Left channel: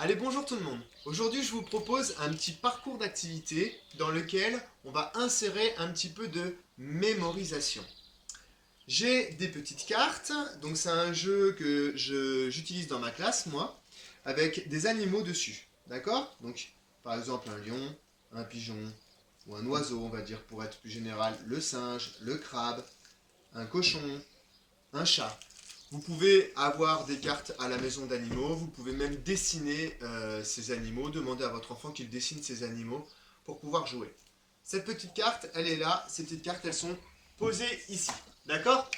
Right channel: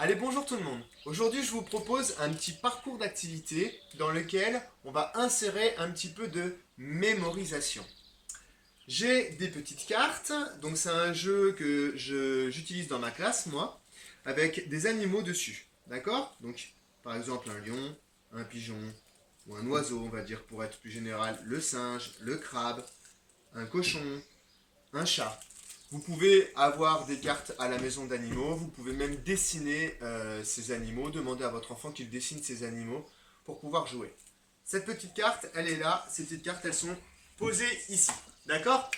Allez, bonjour tout le monde. Aujourd'hui, je vous propose un petit parcours d'activité dans lequel on va insérer un petit peu de mémorisation. J'ai des petites cartes, donc c'est un jeu que j'utilise dans ma classe, moi, avec des animaux dessus. D'accord? Donc, par exemple, un lion, un pigeon, ou un oiseau, on va dire, pour être plus général, le singe, le crabe, un cochon, un chat. Vous pouvez avoir des cartes à la maison d'animaux, vous pouvez même dessiner ces animaux, demander à votre enfant qu'il dessine ces animaux pour pouvoir jouer. Cette petite carte, elle est là, ces petites cartes, elles sont posées ici. D'accord?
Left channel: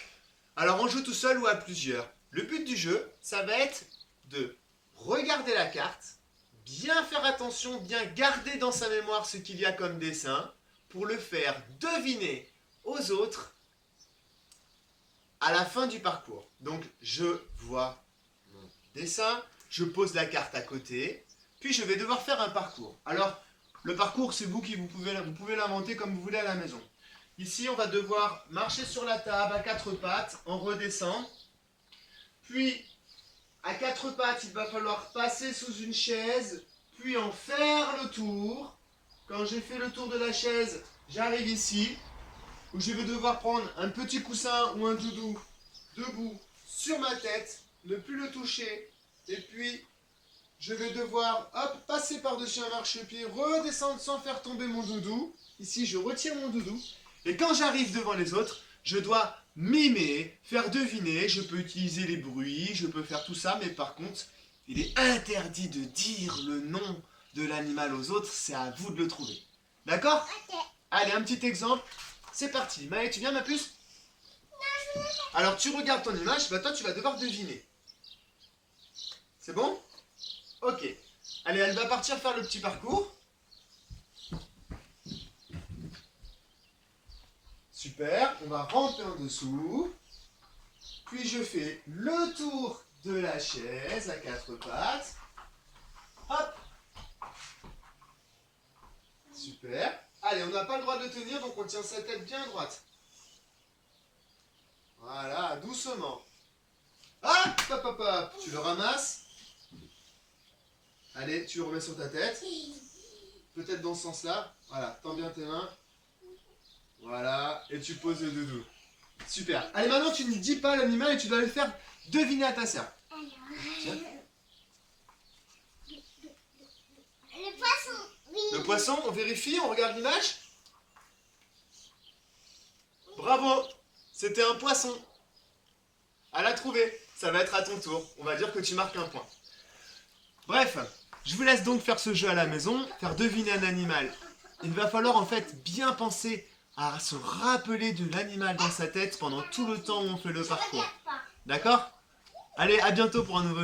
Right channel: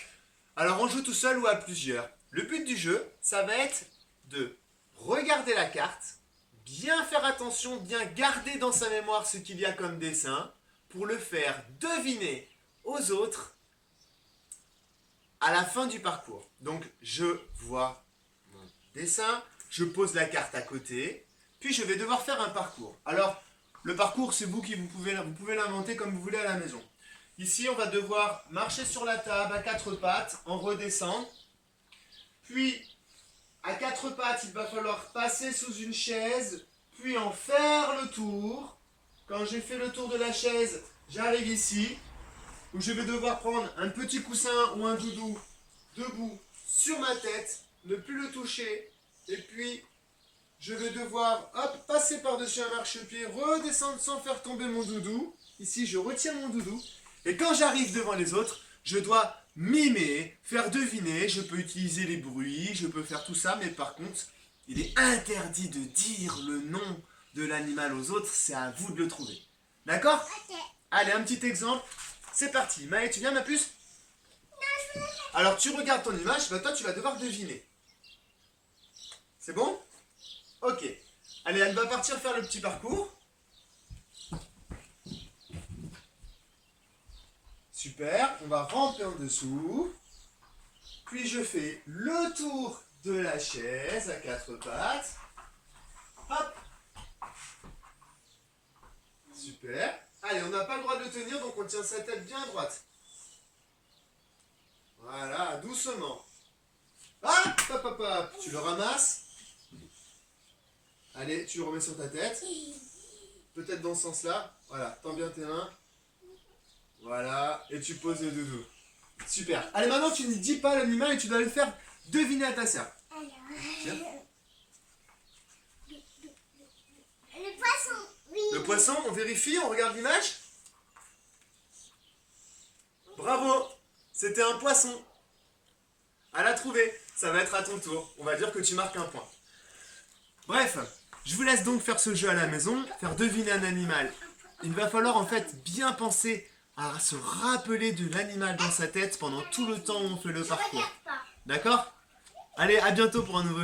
Alors on joue tout seul ou à plusieurs. Le but du jeu, ça va être de regarder la carte, bien faire attention, bien garder dans sa mémoire ce qu'il y a comme dessin, pour le faire deviner aux autres à la fin du parcours. Donc je vois mon dessin, je pose la carte à côté, puis je vais devoir faire un parcours. Alors le parcours, c'est vous qui vous pouvez l'inventer comme vous voulez à la maison. Ici, on va devoir marcher sur la table à quatre pattes, en redescendre. Puis à quatre pattes, il va falloir passer sous une chaise, puis en faire le tour. Quand j'ai fait le tour de la chaise, j'arrive ici, où je vais devoir prendre un petit coussin ou un doudou debout sur ma tête, ne plus le toucher, et puis je vais devoir hop, passer par-dessus un marchepied, redescendre sans faire tomber mon doudou. Ici, je retire mon doudou, et quand j'arrive devant les autres, je dois mimer, faire deviner, je peux utiliser les bruits, je peux faire tout ça, mais par contre, il est interdit de dire le nom de l'animal aux autres, c'est à vous de le trouver. D'accord? Allez, un petit exemple. C'est parti. Maë, tu viens, ma puce? Alors, tu regardes ton image, bah toi, tu vas devoir deviner. C'est bon? Ok. Allez, elle va partir faire le petit parcours. Super. On va rentrer en dessous. Puis, je fais le tour de la chaise à quatre pattes. Hop. Super. Allez, on n'a pas le droit de le tenir, donc on tient sa tête bien droite. Voilà, doucement. Ah, hop, hop, hop. Tu le ramasses. Allez, tu le remets sur ta tête. Peut-être dans ce sens-là. Voilà, tends bien tes mains. Voilà, et tu poses le doudou. Super. Allez, maintenant, tu ne dis pas l'animal et tu dois le faire deviner à ta sœur. Tiens. Le poisson, oui. Le poisson, on vérifie, on regarde l'image. Bravo, c'était un poisson. À la trouver, ça va être à ton tour. On va dire que tu marques un point. Bref, je vous laisse donc faire ce jeu à la maison, faire deviner un animal. Il va falloir en fait bien penser à se rappeler de l'animal dans sa tête pendant tout le temps où on fait le parcours. D'accord? Allez, à bientôt pour un nouveau